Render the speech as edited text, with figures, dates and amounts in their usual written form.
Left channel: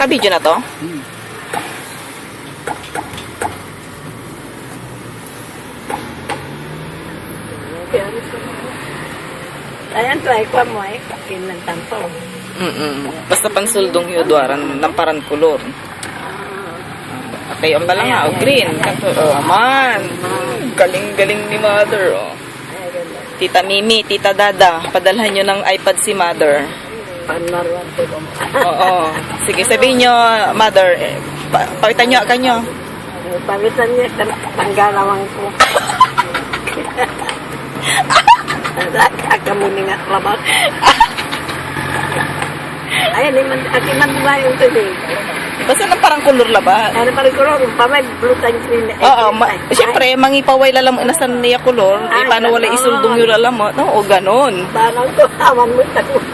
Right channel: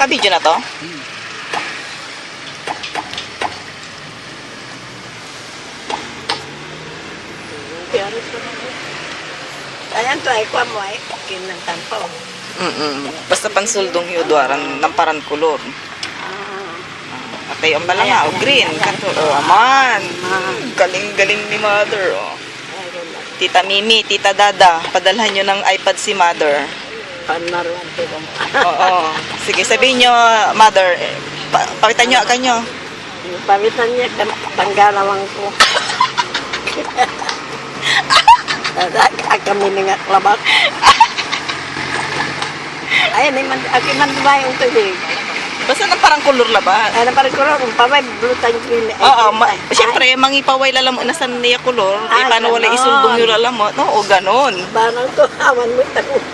Nakabidyo na to? Ayan to, ay kuha mo ay. Kinantampaw. Basta pansuldong hiudwaran ng parang kulor. Tayo pala nga, green. Man, galing ni mother. Oh. Tita Mimi, Tita Dada, padalhan nyo ng iPad si mother. Panaruan po ba mo? Oo. Sige, sabihin nyo, mother, pakitan nyo agad nyo. Pagitan niya, tanggalawang ko. Kami nga labak. Ayan, akin man ba yung tubig? Basta na parang kulor labat. Ano parang kulor, pamay, blue tan green. Oo, siyempre, mangipaway lalam unasan niya kulor. Paano wala isuldong yung lalam mo? Oo, ganon. Parang ko, aman mo tanong.